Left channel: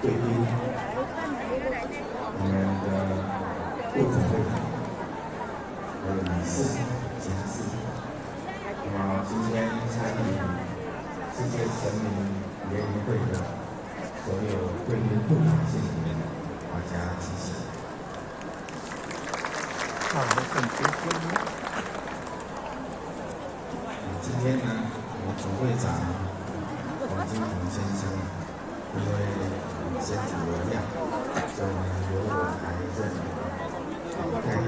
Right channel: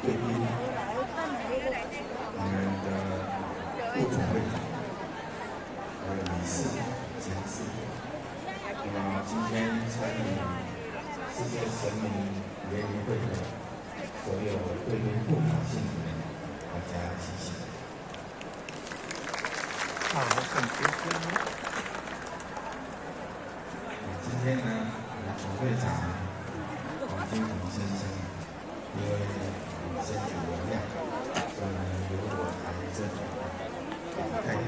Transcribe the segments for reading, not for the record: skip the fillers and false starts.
贵宾，我们的副总会长，还有理事、监事。那么今天参与世界神明联谊会的所有贵宾副长姓名，大家吉祥。今天呢，我们总会长黄金红先生，因为身体有恙，所以呢由我来这里代表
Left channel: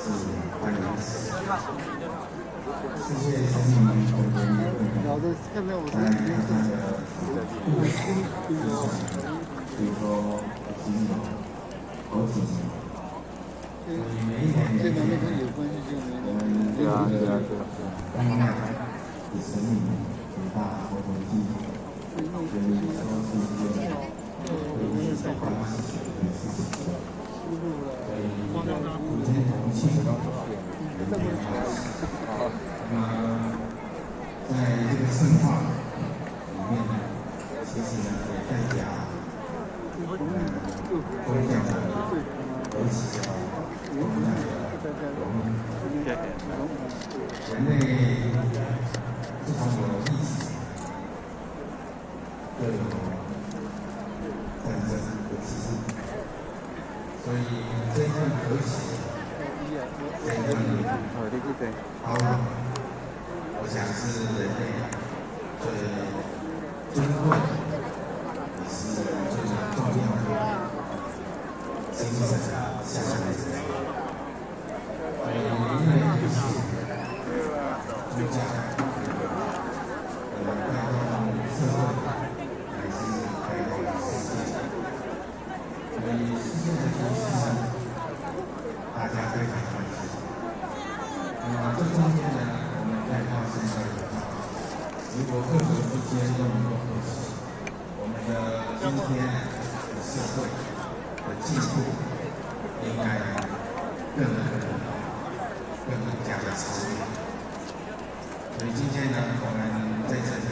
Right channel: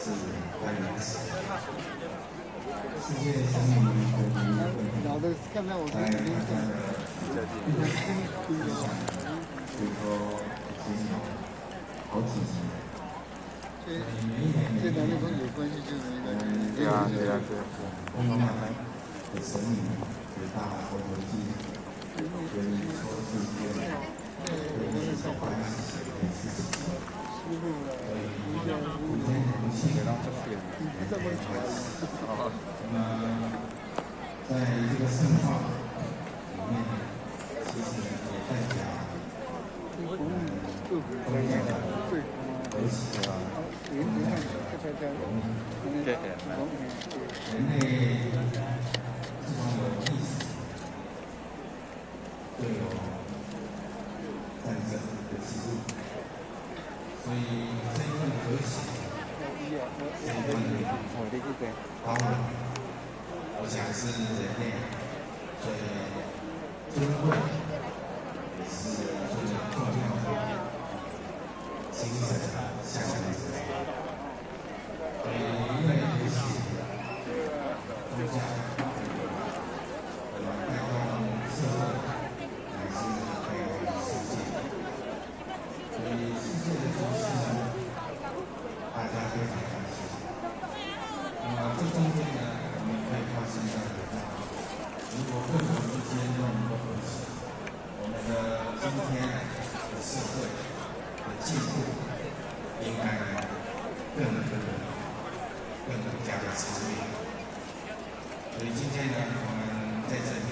致欢迎词。世界神明的联谊会，在大家的意向，比如说已经有好几年。所以每一年我们这个公庙与神明举办活动纪念，所以说是一件回忆喜欢的事情。所以今天同庆人间欢喜。那么在这个圣化里面呢，其实呢也代表宗教的和谐。宗教的融入，人类自从有意识，就有战争的机制，所以这一份和谐，这一份包容，我想是人类最珍贵，也是最重要的精神向来之处。所以，因为这些宗教，带动社会，乃至带动世界。所以，世界的局势呢，大家非常关心。那么，这中间呢，我们可以发现到一个，如果各国之间都能够和谐，我们的今天的社会的进步，应该更加的超越。所以今天呢，我们在这里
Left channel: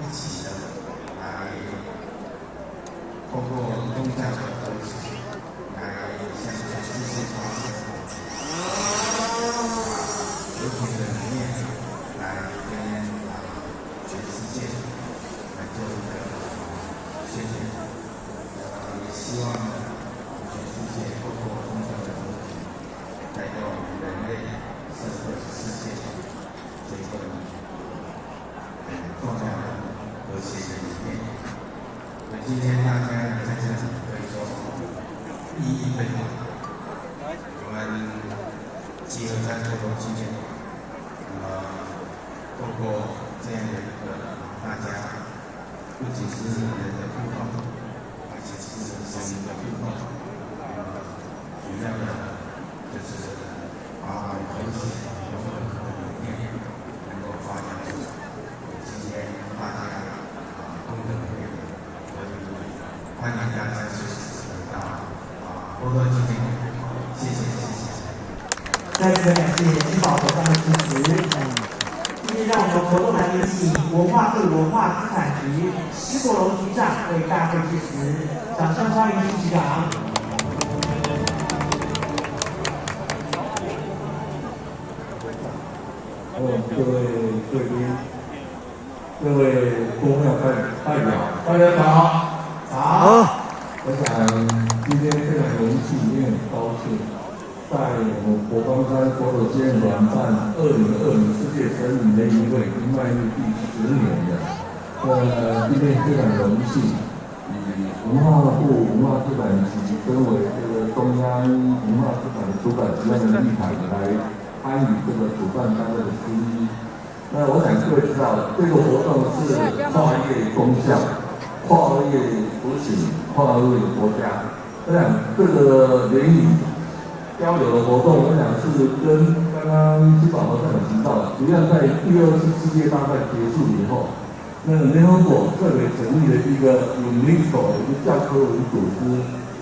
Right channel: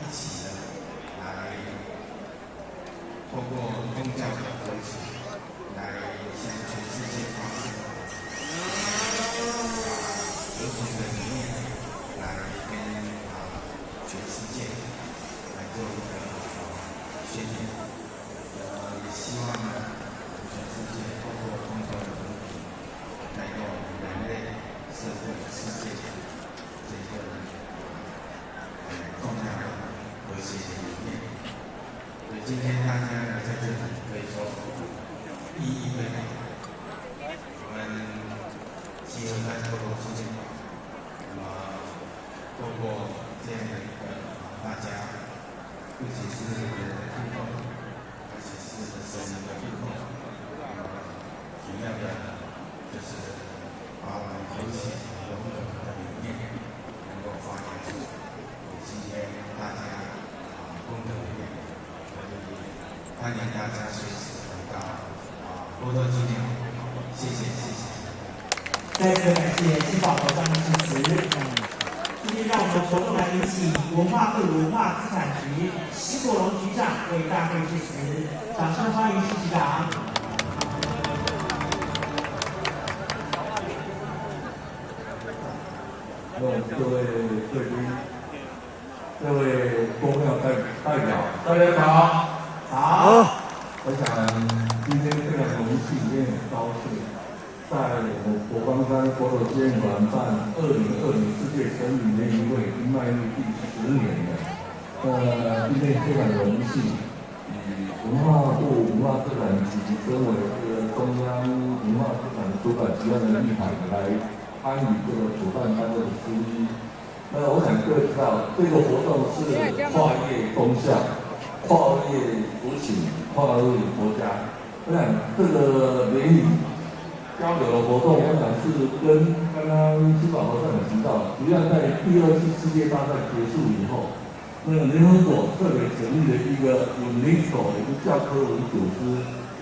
一起的来通过宗教的和谐，来向全世界发现和平的理念，来跟全世界来做一个宣言。也希望呢，全世界透过宗教的和平，带动人类、社会、世界这个重要的和谐的理念。所以今天大家来在这里可以说意义非凡。我们集合在这个纪念馆，透过这样的一个大家不仅是人的互动，而且是神明的互动。主要的就是把和谐融合的理念能够发扬出来。今天大家功德无量，所以欢迎大家随时来到波多纪念馆。谢谢。再次感谢金宝和的支持。今天让我们活动来有请文化部文化资产局施国龙局长为大会致辞，掌声欢迎施局长。各位贵宾，各位公庙代表，大家好。好。我想今天非常荣幸，也很高兴，在我们佛光山佛陀纪念馆办2020世界神明联谊会已经迈入第10年了。今天非常荣幸，以文化部文化资产局跟我中央文化资产主管机关的立场来参与这个主办单位的之一。那我想各位知道，这个活动是跨越宗教、跨越族群、跨越国家。我想这个联谊交流的活动，我想是跟刚刚金宝和站长提到，实际上在第2次世界大战结束以后，那个联合国特别成立了一个 UNESCO 一个教科文组织，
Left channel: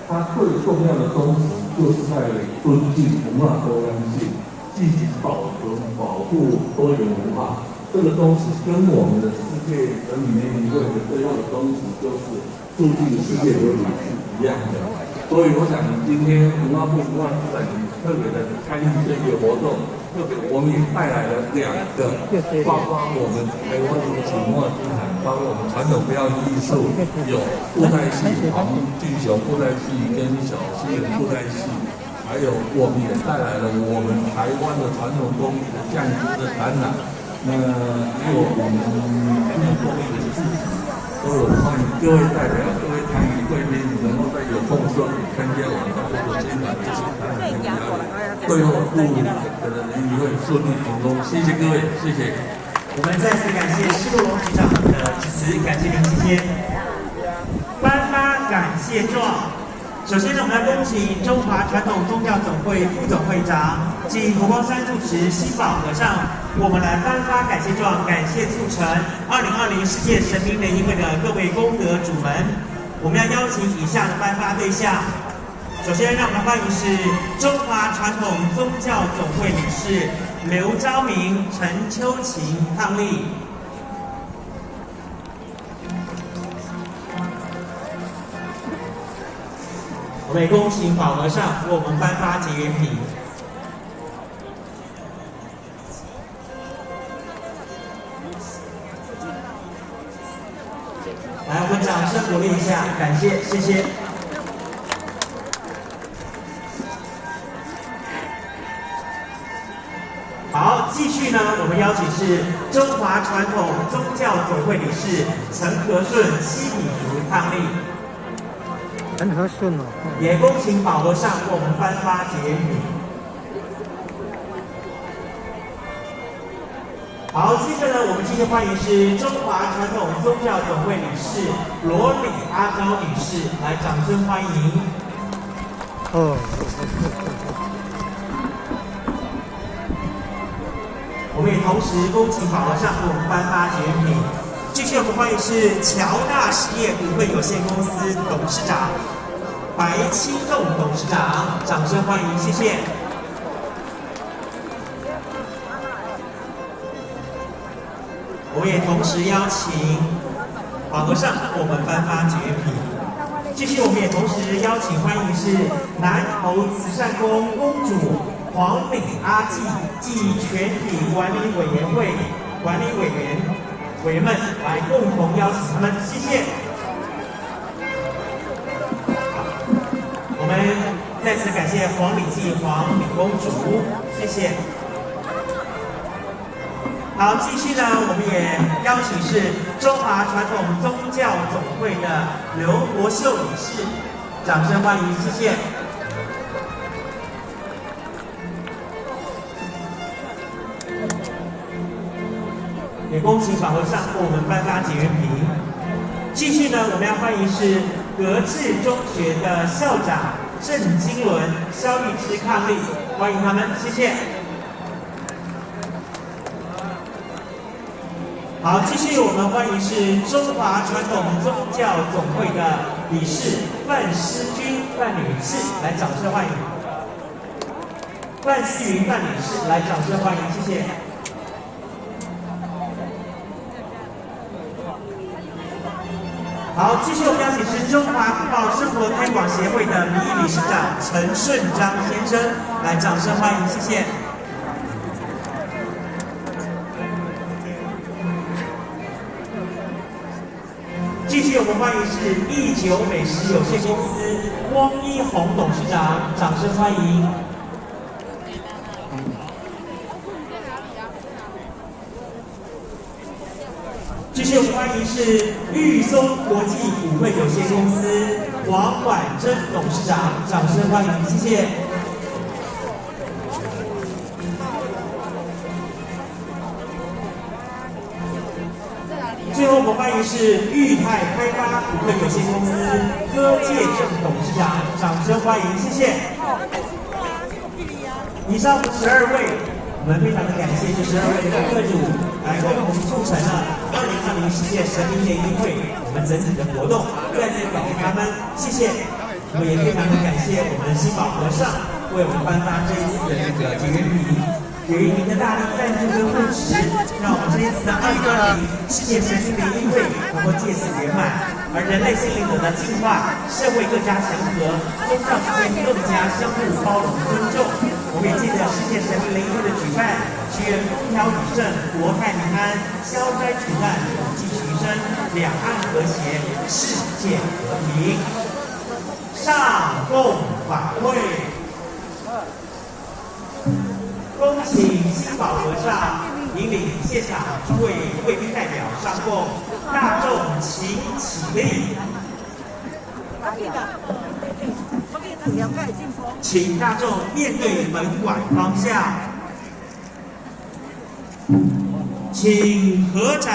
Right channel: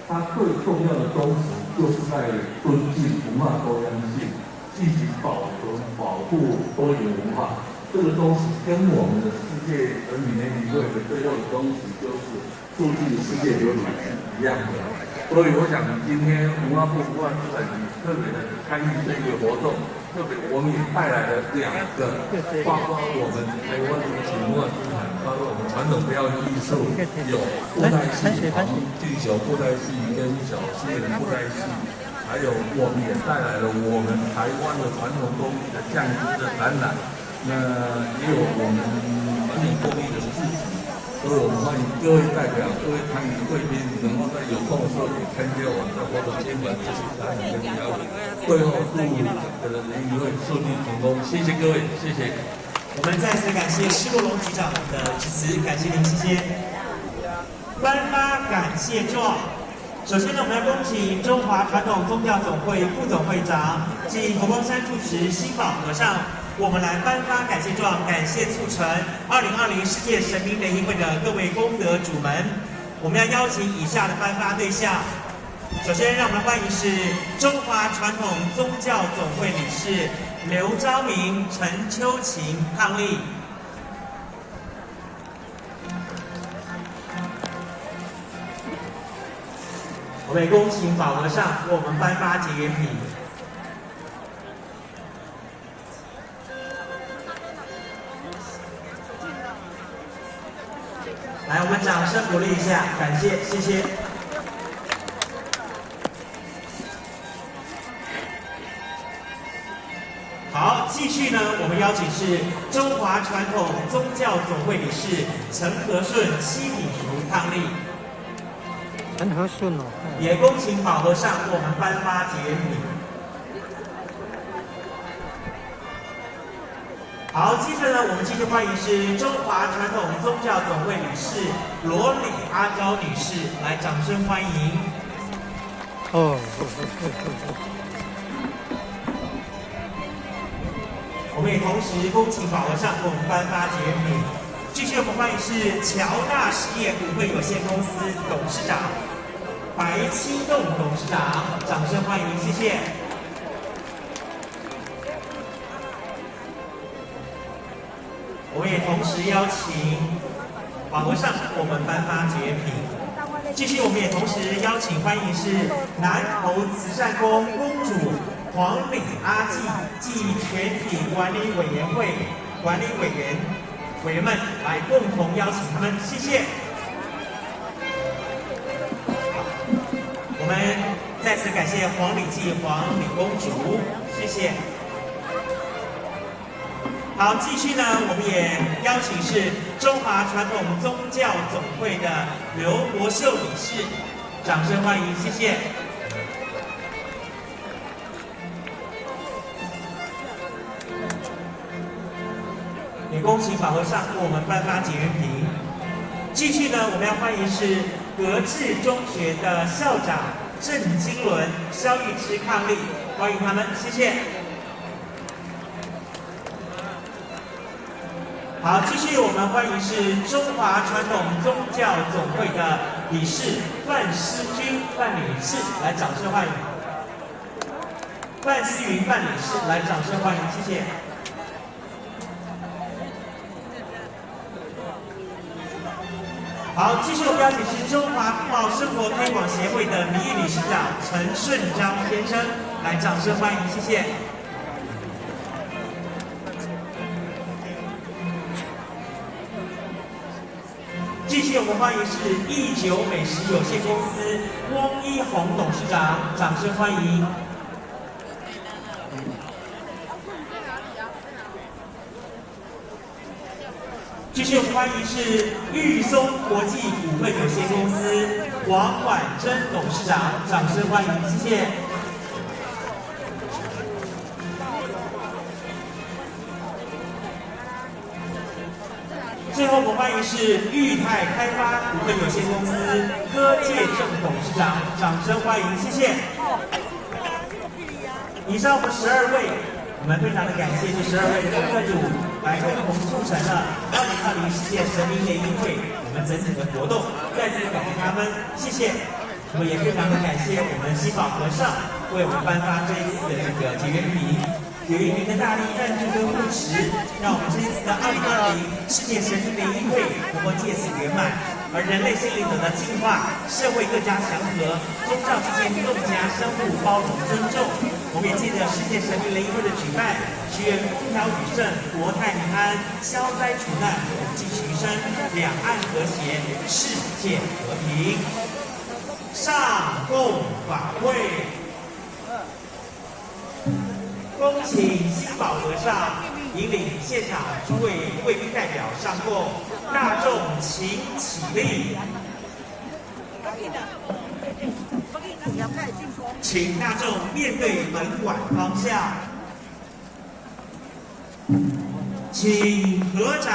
它最重要的宗旨就是在尊敬文化多样性，积极保存、保护多元文化。这个宗旨跟我们的世界人民联谊会的最后的宗旨就是促进世界流理是一样的。所以我想今天文化部文化资产局特别的参与这个活动，特别我们也带来了2个，包括我们文化部请墨资产，包括我们传统标艺术，有布袋戏、黄金球布袋戏跟小狮布袋戏。还有，我们也带来了我们台湾的传统工艺的匠心的展览，那也有我们工艺的市集，所以我们欢迎各位代表、各位参与贵宾能够在有空的时候参加我们的活动现场这些展览跟表演，最后祝可能联谊会顺利成功，谢谢各位，谢谢。我们再次感谢施洛龙局长的致辞，感谢您，谢谢。颁发感谢状。首先呢，我们来恭请中华传统宗教总会副总会长及佛光山住持新宝和尚，我们来颁发感谢状，感谢促成2020世界神明联谊会的各位功德主们。我们要邀请以下的颁发对象。首先，让我们欢迎是中华传统宗教总会理事刘昭明、陈秋晴伉俪。我们也恭请宝和尚为我们颁发结缘品。来，我们掌声鼓励一下，感谢，谢谢。好，继续呢，我们邀请是中华传统宗教总会理事陈和顺、西品淑伉俪。很和顺哦。也恭请宝和尚为我们颁发结缘品。好，接着呢，我们继续欢迎是中华传统宗教总会理事罗李阿昭女士，来掌声欢迎。哦。我们也同时恭请宝和尚为我们颁发结缘品。继续我们欢迎是乔大实业股份有限公司董事长白清栋董事长，掌声欢迎，谢谢。我们也同时邀请宝和尚为我们颁发结缘品。继续我们也同时邀请欢迎是南投慈善宫公主黄美阿纪暨全体管理委员会管理委员们来共同邀请他们，谢谢。好，我们再次感谢黄礼记黄李公主，谢谢。好，继续呢，我们也邀请是中华传统宗教总会的刘国秀理事，掌声欢迎，谢谢。也恭请法和尚为我们颁发结缘品。继续呢，我们要欢迎是格致中学的校长郑金伦、肖玉芝伉俪，欢迎他们，谢谢。好，继续我们欢迎是中华传统宗教总会的理事范诗君范女士，来掌声欢迎。范思云范女士，来掌声欢迎，谢谢。好，继续我们邀请是中华富茂生活推广协会的名誉理事长陈顺章先生，来掌声欢迎，谢谢。继续我们欢迎是益久美食有限公司翁一红董事长，掌声欢迎。继续我们欢迎是玉松国际股份有限公司黄婉珍董事长，掌声欢迎，谢谢。最后我们欢迎是裕泰开发股份有限公司柯介正董事长，掌声欢迎，谢谢。以上的12位，我们非常的感谢这12位的客主来共同促成了2020世界神明联谊会我们整体的活动，再次感谢他们，谢谢。我们也非常的感谢我们的新宝和尚为我们颁发这一次的结缘品。也因您的大力赞助跟扶持，让我们这一次的2020世界神经联谊会能够借此圆满，而人类心灵得到净化，社会更加祥和，宗教之间更加相互包容尊重。我们也记得世界神明联谊会的举办，祈愿风调雨顺、国泰民安、消灾除难、统计徐生、两岸和谐、世界和平。上供法会，恭请新宝和尚引领现场诸位贵宾代表上供，大众请起立。请大众面对门馆方向，请合掌。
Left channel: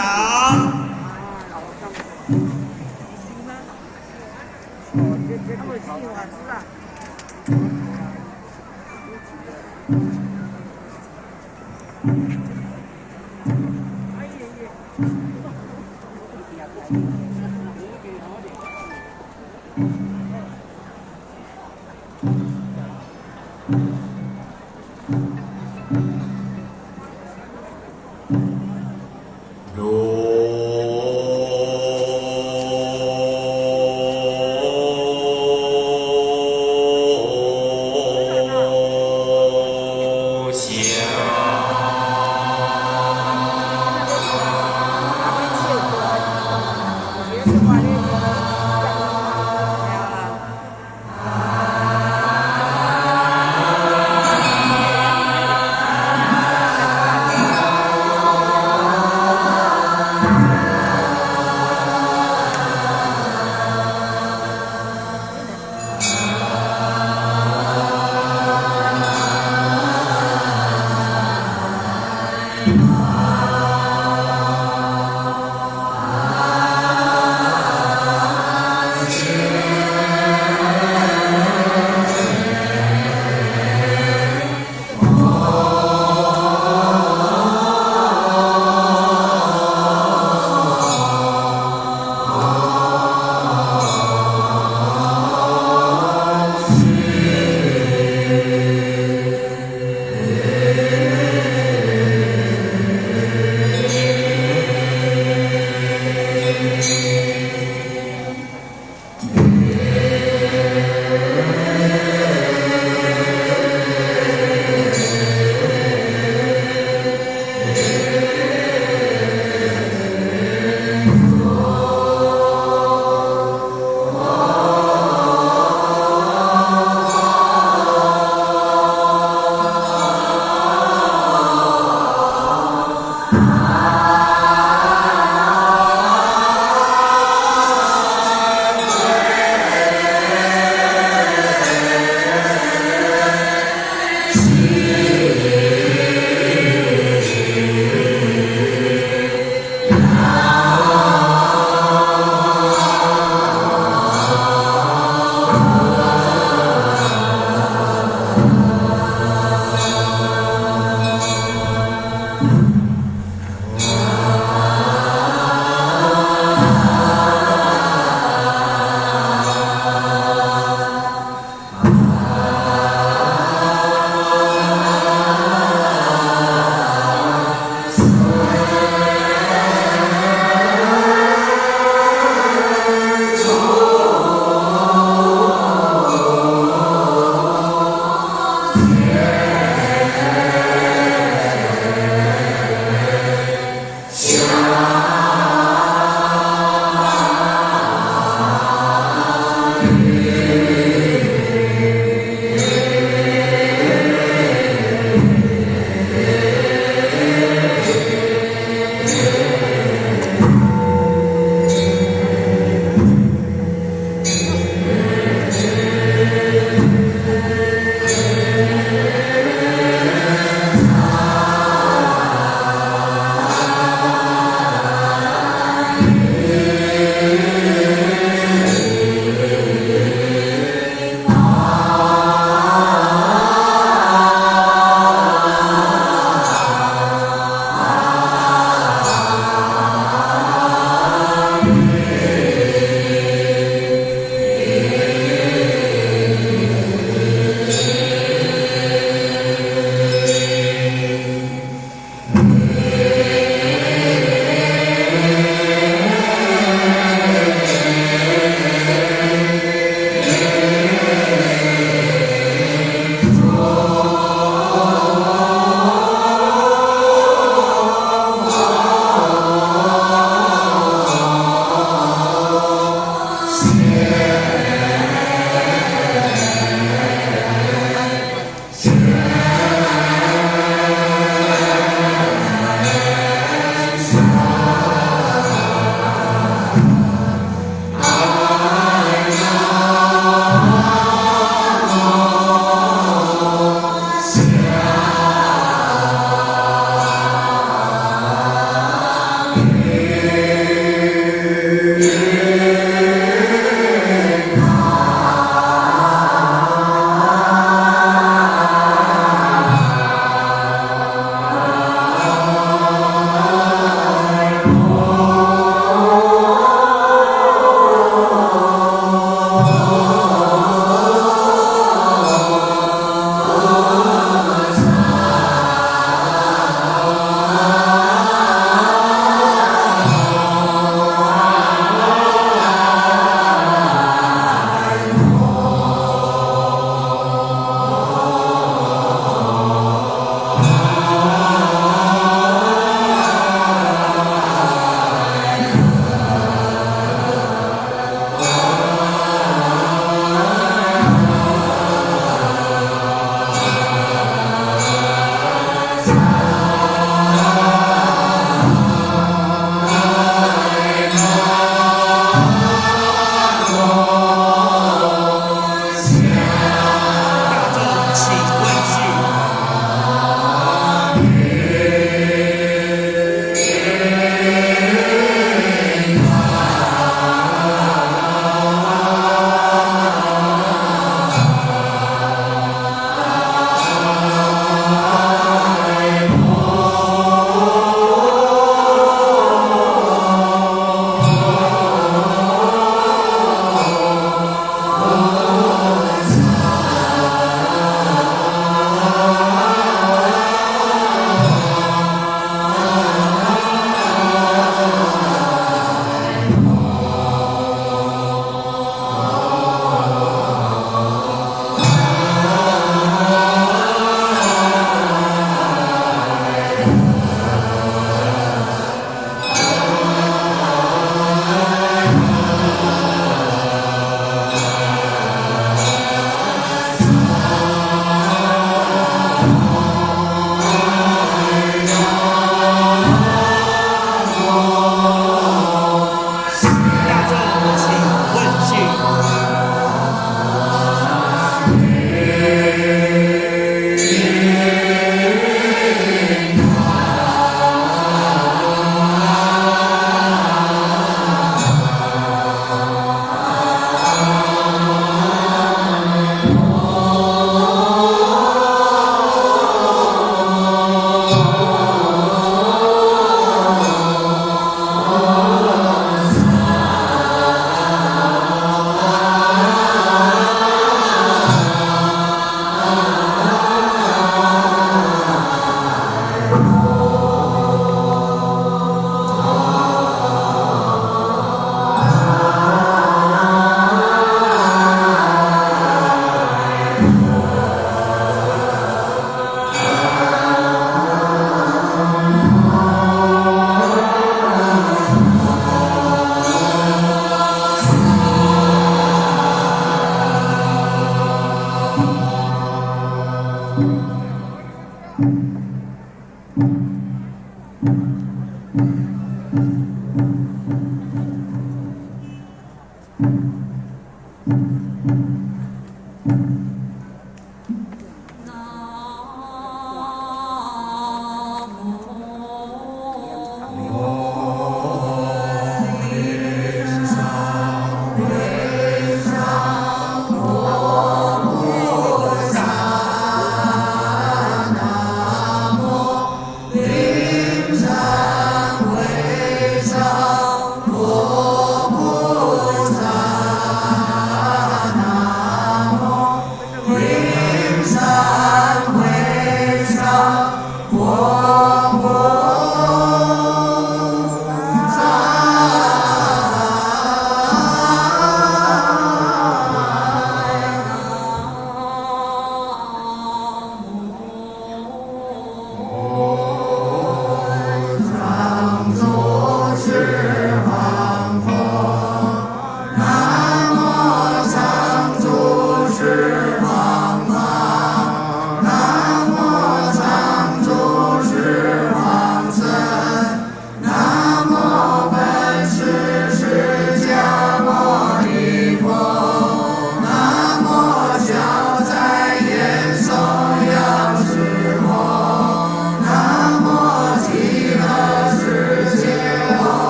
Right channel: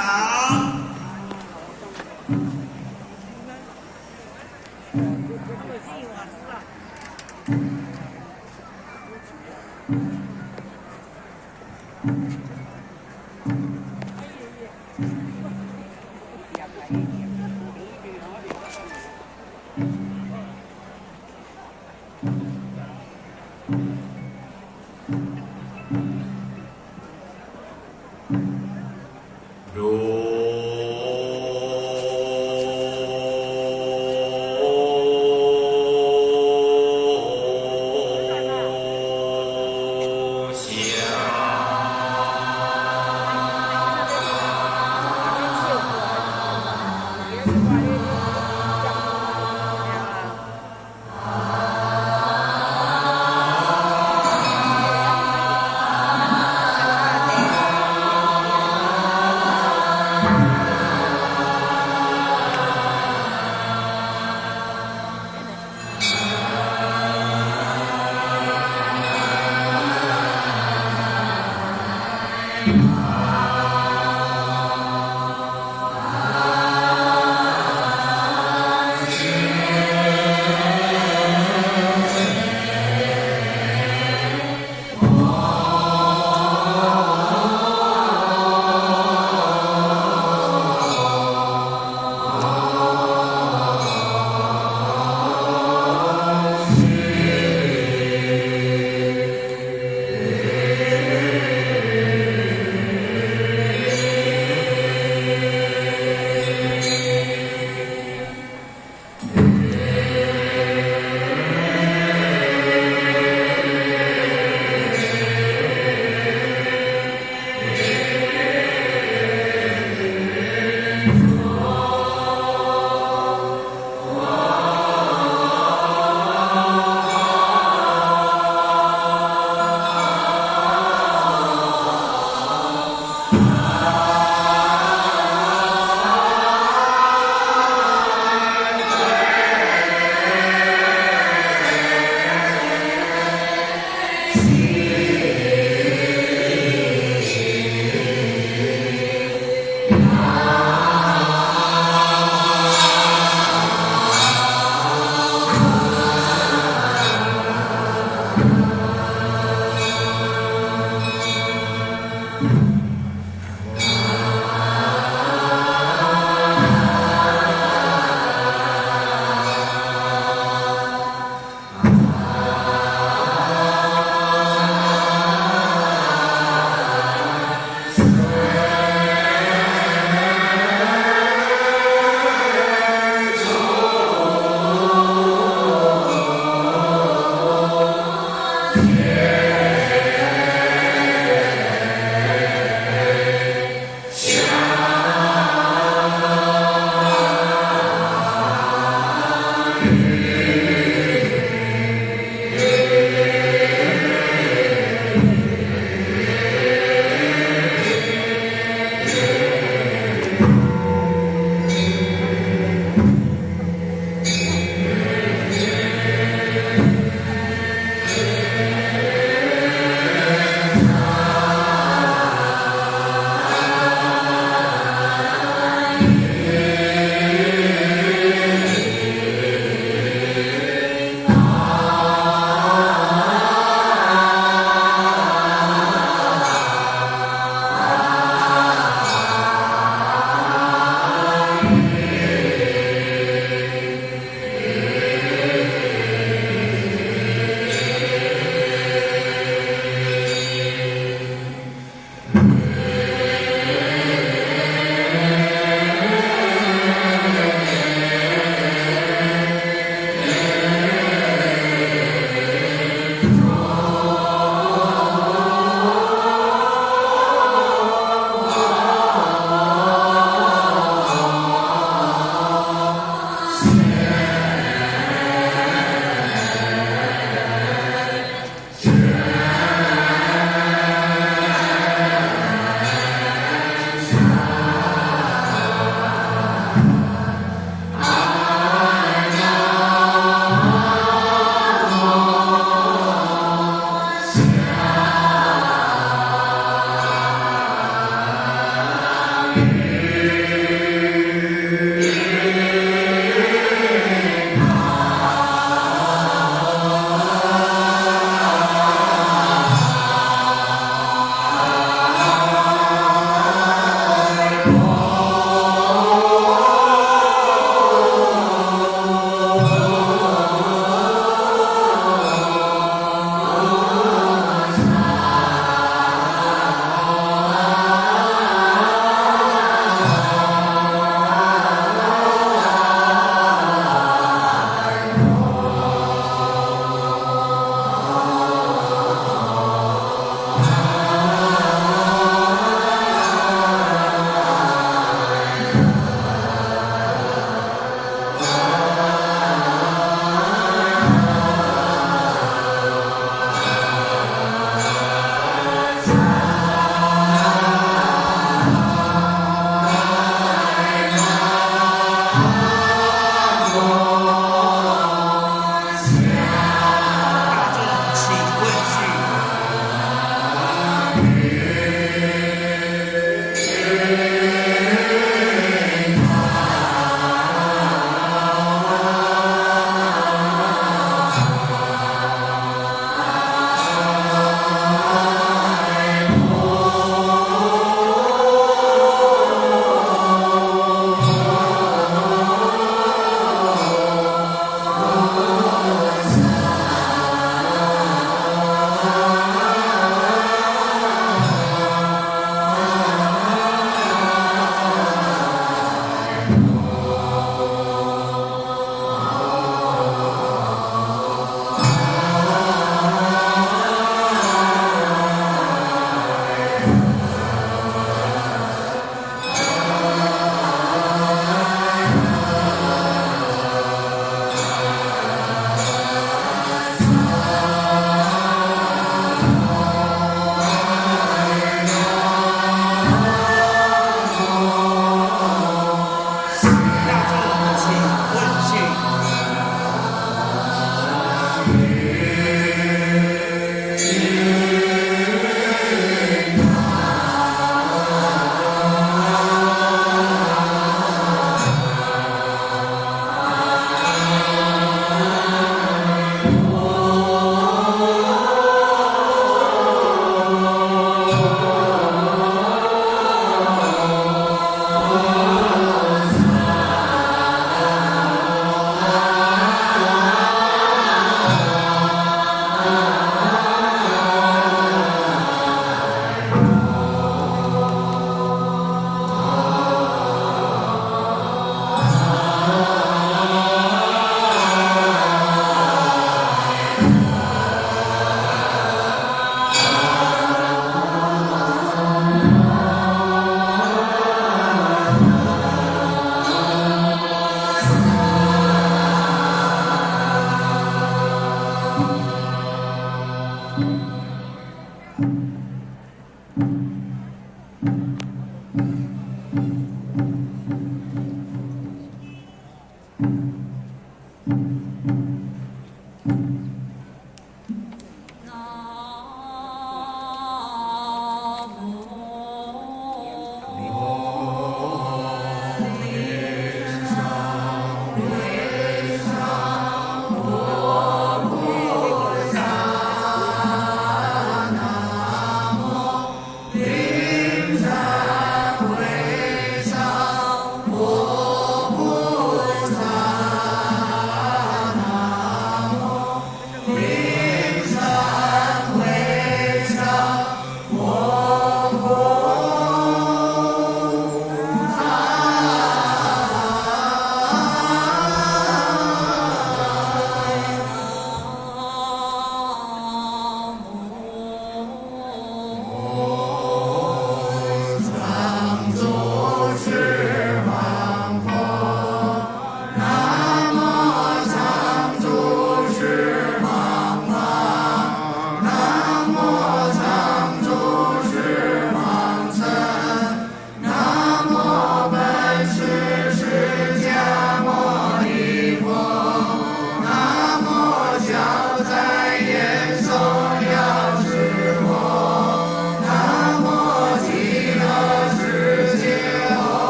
佛菩萨。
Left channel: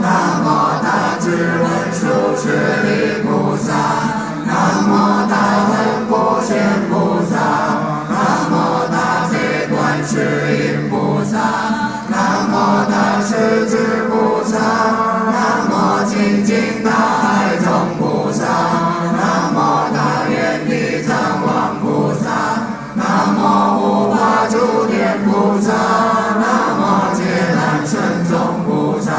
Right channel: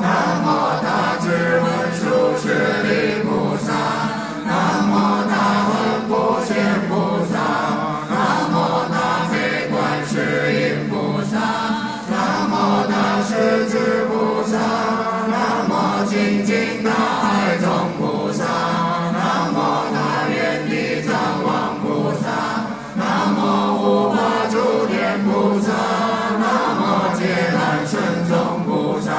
南无大智文殊师利菩萨，南无大恨普贤菩萨，南无大悲观世音菩萨，南无大势至菩萨，南无清净大海中菩萨，南无大愿地藏王菩萨，南无护法诸天菩萨，南无揭难神众菩萨，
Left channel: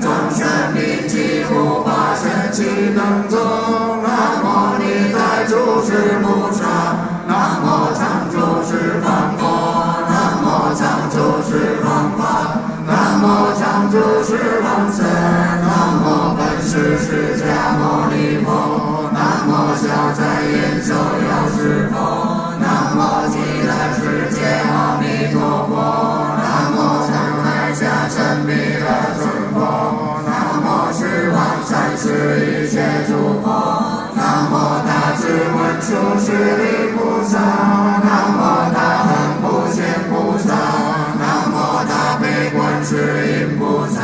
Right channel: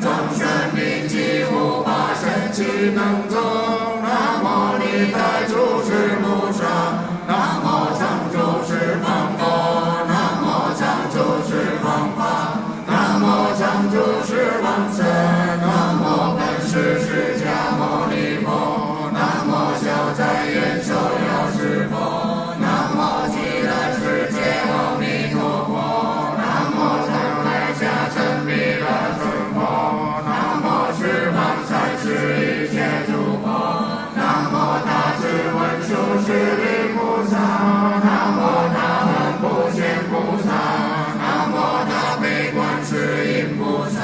众生名及护法神奇等众，南无历代诸事菩萨，南无常住十方佛，南无常住十方法，南无常住十方神，南无本师释迦牟尼佛，南无消灾延寿药师佛，南无极乐世界阿弥陀佛，南无常海下沉弥勒尊佛，南无十方三世一切诸佛，南无大智文殊师利菩萨，南无大恨普贤菩萨，南无大悲观世音菩萨，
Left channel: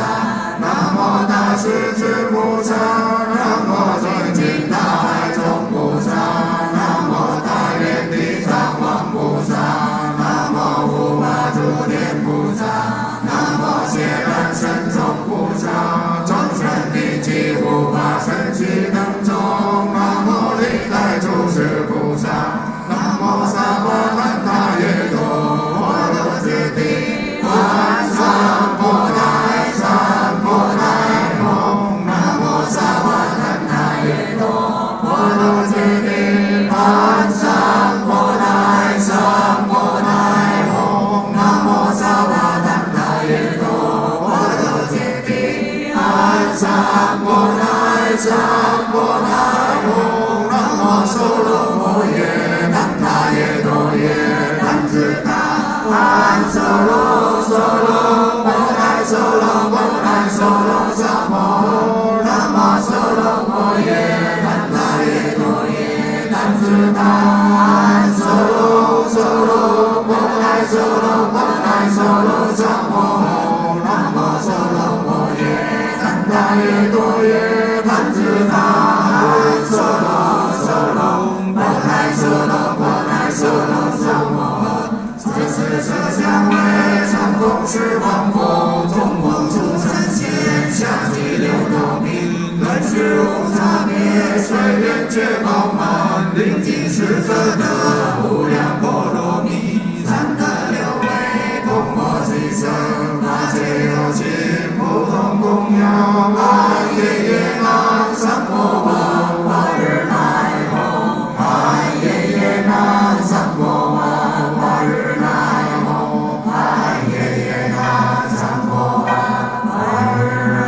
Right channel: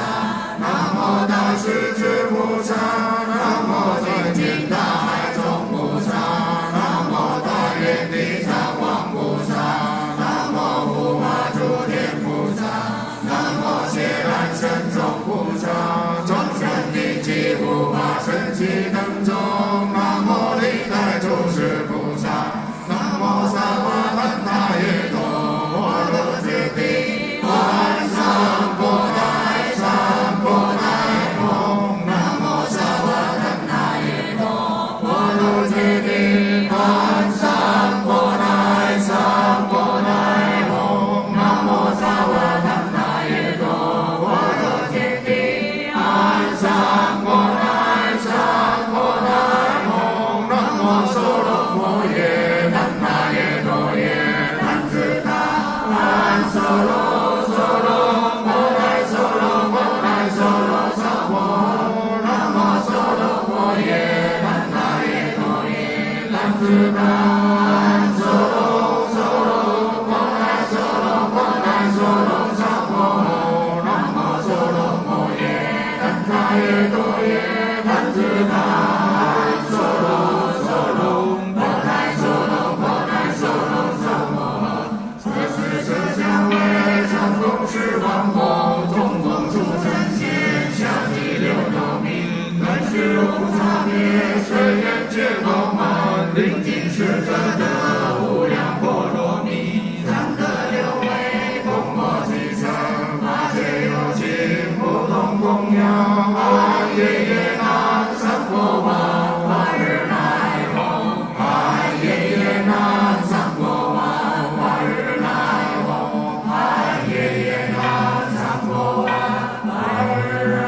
南无大势至菩萨，南无清净大海中菩萨，南无大愿地藏王菩萨，南无护法诸天菩萨，南无揭难神众菩萨，众生名及护法神奇等众，南无历代诸事菩萨，南无萨婆诃他耶多，我独自地观三波大三波大唵，南无萨婆诃他耶多，我独自地观三波大三波大唵，南无萨婆诃他耶多，我独自地观三波大三波大唵，南无娑罗摩耶南他耶多耶南自他安娑罗娑罗摩来娑罗摩来娑罗萨婆，南无娑罗摩耶南他耶多耶南自他安娑罗娑罗摩来娑罗摩来娑罗萨婆，南无娑罗摩耶南他耶多耶南自他安娑罗娑罗摩来娑罗摩来娑罗萨婆，这是色香味常供十方佛，中风出三界下济六道明，本是无差别随缘觉饱满，临近是则得无量波罗蜜，常得六味供我其身，法界有情不同供养，安夜夜南三婆王，法日来弘，安夜夜南三婆王，法日来弘，安夜夜南三婆王，法日来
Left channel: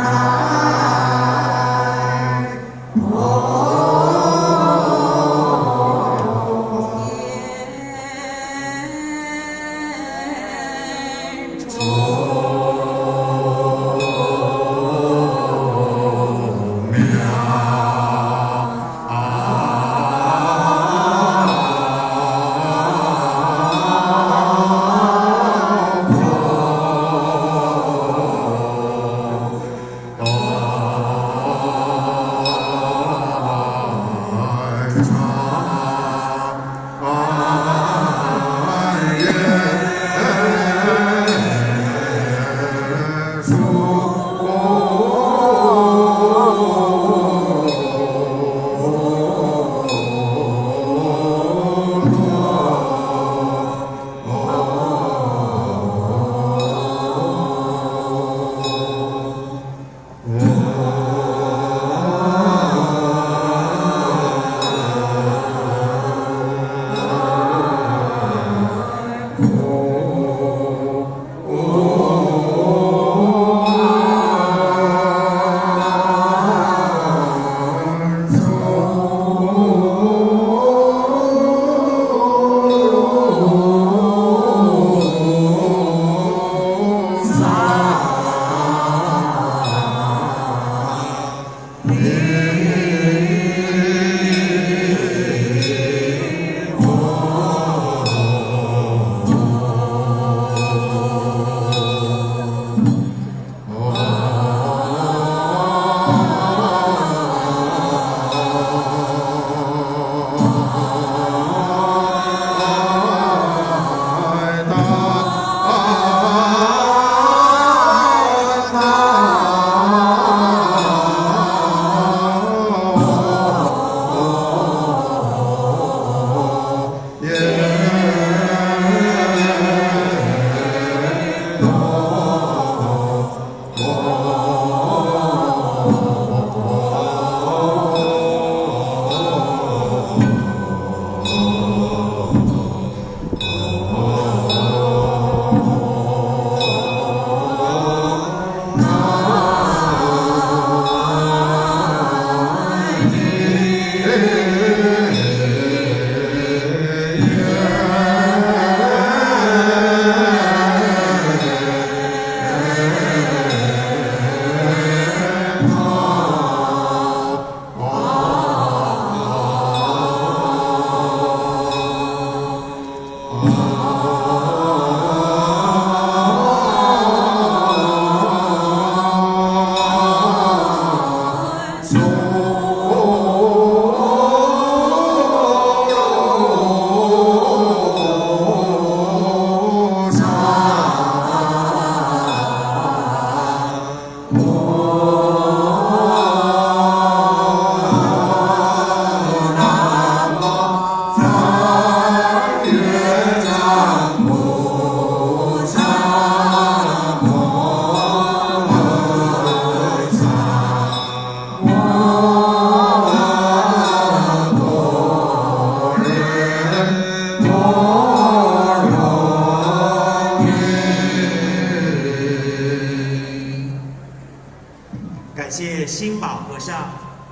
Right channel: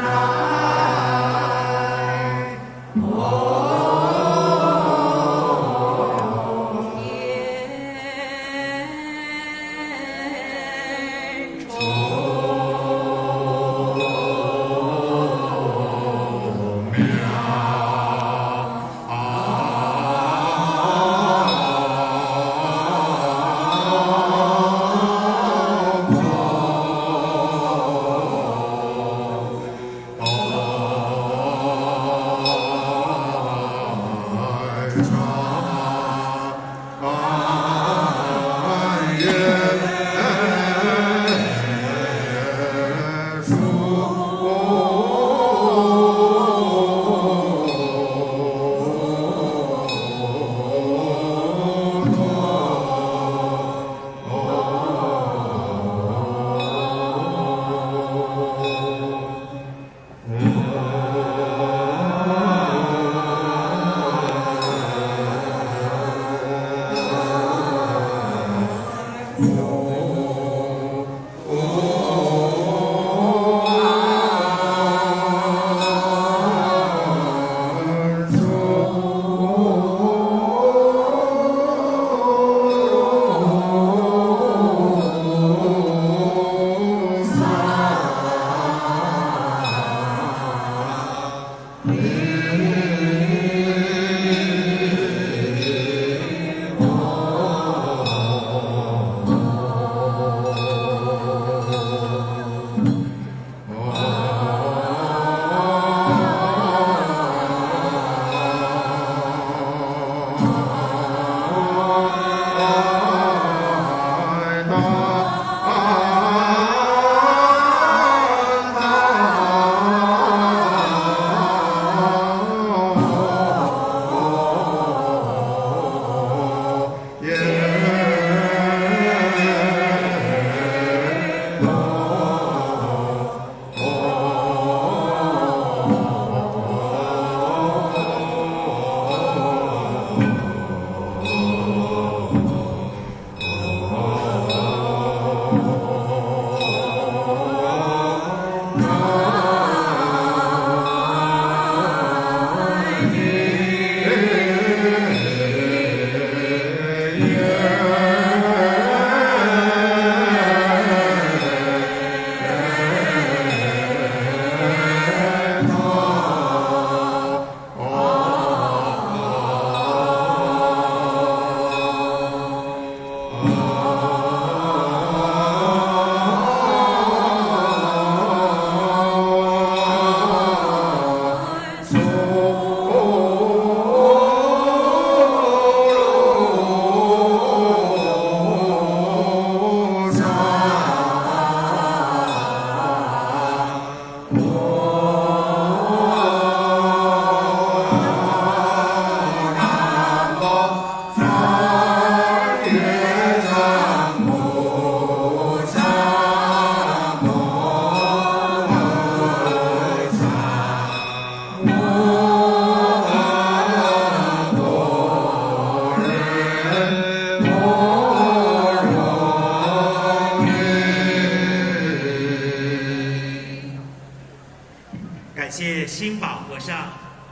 感谢新宝和尚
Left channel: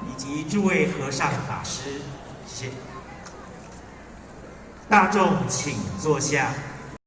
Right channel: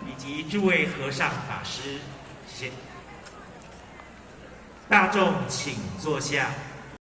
以及诸位和尚法师，谢谢。大众请坐下。